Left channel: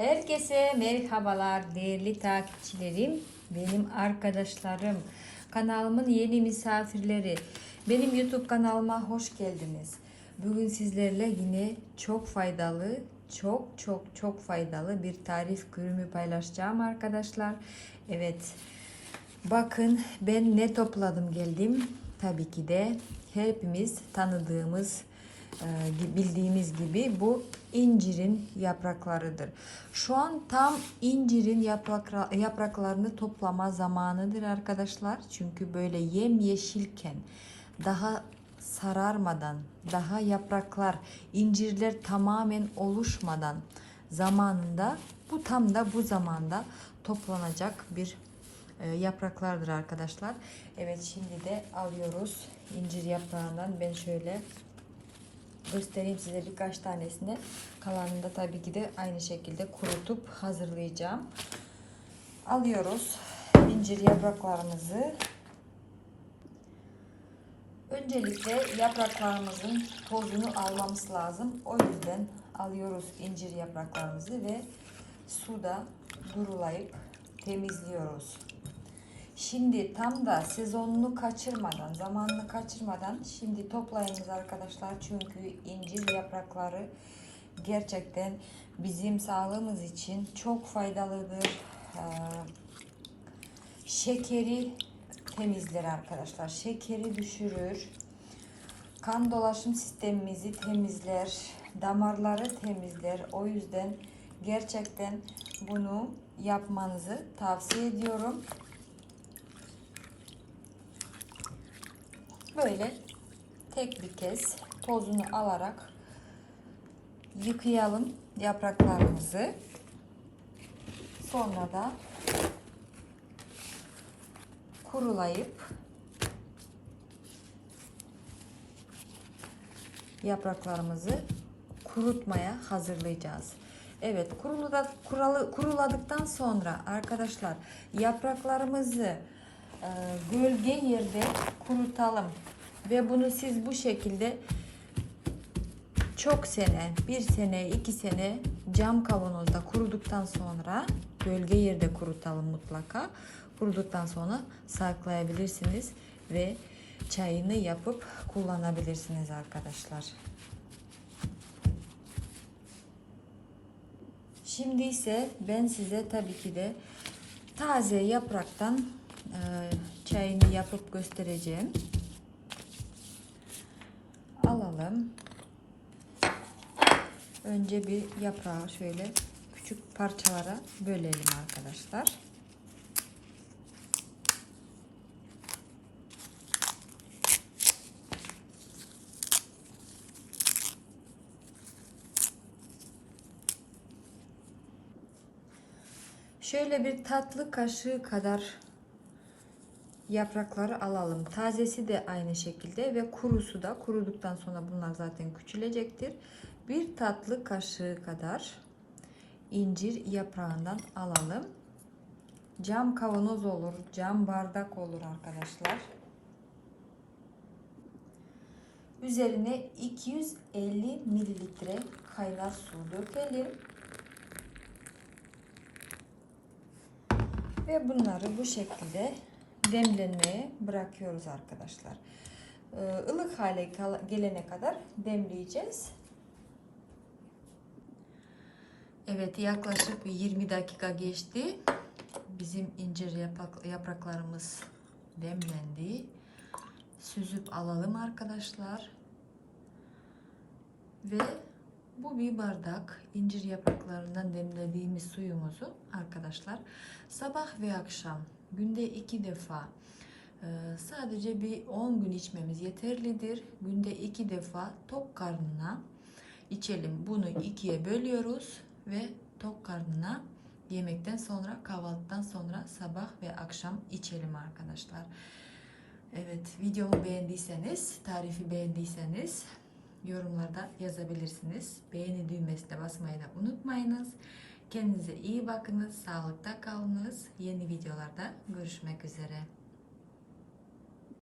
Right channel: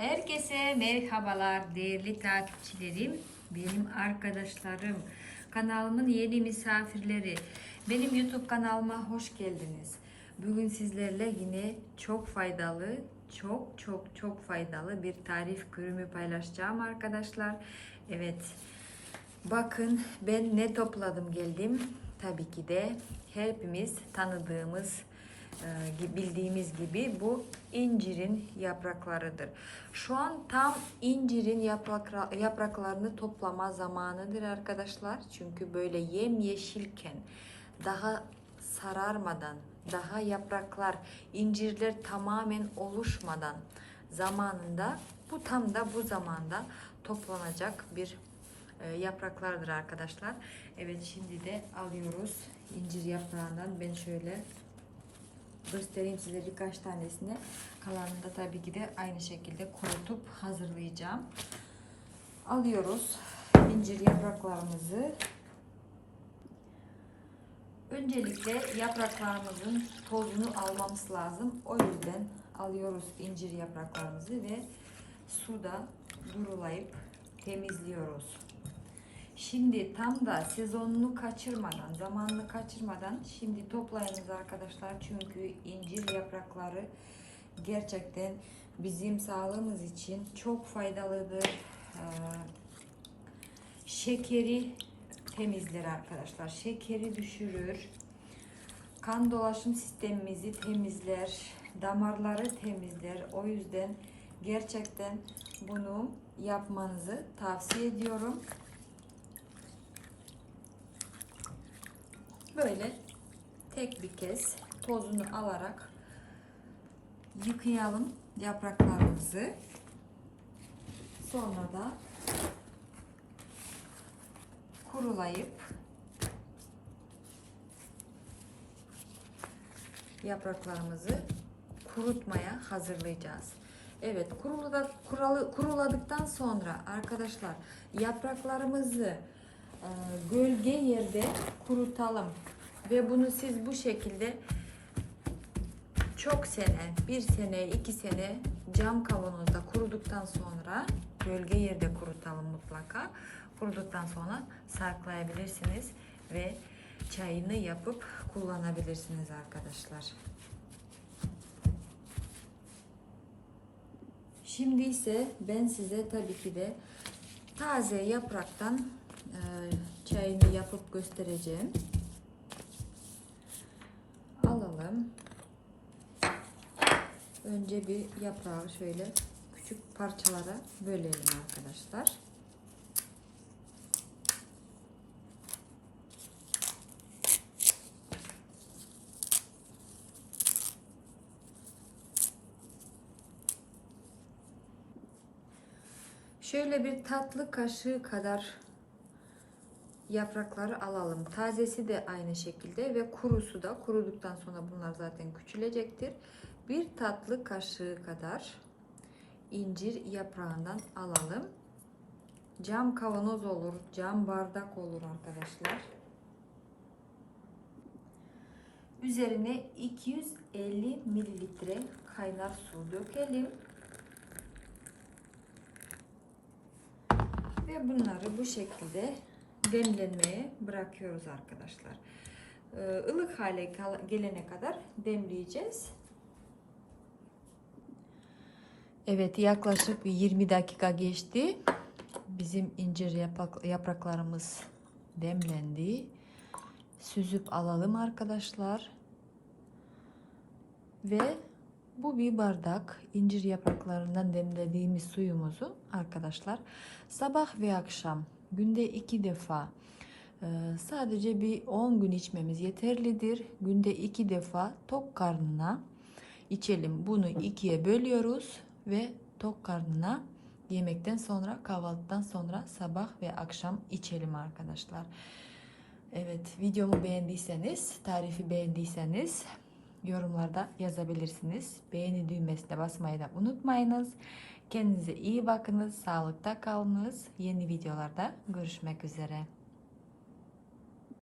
Herkese merhabalar değerli takipçilerim, benim arkadaşlarım, kanalımın yeni misafirleri. Benim YouTube kanalıma hoş geldiniz. Bugün sizlerle yine çok faydalı, çok çok çok faydalı bir tarif ürünü paylaşacağım arkadaşlar. Evet, bakın ben ne topladım geldim. Tabii ki de hepimiz tanıdığımız bildiğimiz gibi bu incirin yapraklarıdır. Şu an tam incirin yaprakla- yapraklarını toplama zamanıdır arkadaşlar. Çünkü böyle yemyeşilken daha sararmadan, daha yapraklar, incirler tamamen oluşmadan zamanında bu tam da bu zamanda toplanacak bir e, yapraklardır arkadaşlar. Evet şimdi de alıyoruz incir yaprağından ben şöyle göstereyim size birkaç tanesini. Kalanını da tabii ki de aynı şekilde kurutup hazırlayacağım. Alıyoruz incir yapraklarımızı. Öncelikle yapraklarımızın tozunu almamız lazım. O yüzden alıyoruz incir yapraklarımızı ve suda durulayıp temizliyoruz. Şimdi tam da sezonunu kaçırmadan, zamanını kaçırmadan şimdi toplayınız arkadaşlar. Çünkü incir yaprakları gerçekten bizim sağlığımız için çok faydalıdır. Ee, şekeri temizler arkadaşlar. Şekeri düşürür. Kan dolaşım sistemimizi temizler. Damarları temizler. O yüzden gerçekten bunu yapmanızı tavsiye ediyorum. Böyle tek bir kez tozunu alarak yıkayalım yapraklarımızı. Sonra da kurulayıp yapraklarımızı kurutmaya hazırlayacağız. Evet, kuruladıktan sonra arkadaşlar yapraklarımızı gölge yerde kurutalım ve bunu siz bu şekilde çok sene, bir sene, iki sene cam kavanozda kuruduktan sonra gölge yerde kurutalım mutlaka. Kuruduktan sonra saklayabilirsiniz ve çayını yapıp kullanabilirsiniz arkadaşlar. Şimdi ise ben size tabii ki de taze yapraktan e, çayını yapıp göstereceğim. Alalım. Önce bir yaprağı şöyle küçük parçalara bölelim arkadaşlar. Şöyle bir tatlı kaşığı kadar yaprakları alalım. Tazesi de aynı şekilde ve kurusu da kuruduktan sonra bunlar zaten küçülecektir. Bir tatlı kaşığı kadar incir yaprağından alalım. Cam kavanoz olur, cam bardak olur arkadaşlar. Üzerine 250 mililitre kaynar su dökelim. Ve bunları bu şekilde demlenmeye bırakıyoruz arkadaşlar. Ee, ılık hale gelene kadar demleyeceğiz. Evet yaklaşık 20 dakika geçti. Bizim incir yaprak, yapraklarımız demlendi. Süzüp alalım arkadaşlar. Ve bu bir bardak incir yapraklarından demlediğimiz suyumuzu arkadaşlar sabah ve akşam günde iki defa e, sadece bir 10 gün içmemiz yeterlidir. Günde iki defa tok karnına içelim. Bunu ikiye bölüyoruz ve tok karnına yemekten sonra kahvaltıdan sonra sabah ve akşam içelim arkadaşlar. Evet videomu beğendiyseniz tarifi beğendiyseniz yorumlarda yazabilirsiniz. Beğeni düğmesine basmayı da unutmayınız. Kendinize iyi bakınız, sağlıkta kalınız. Yeni videolarda görüşmek üzere.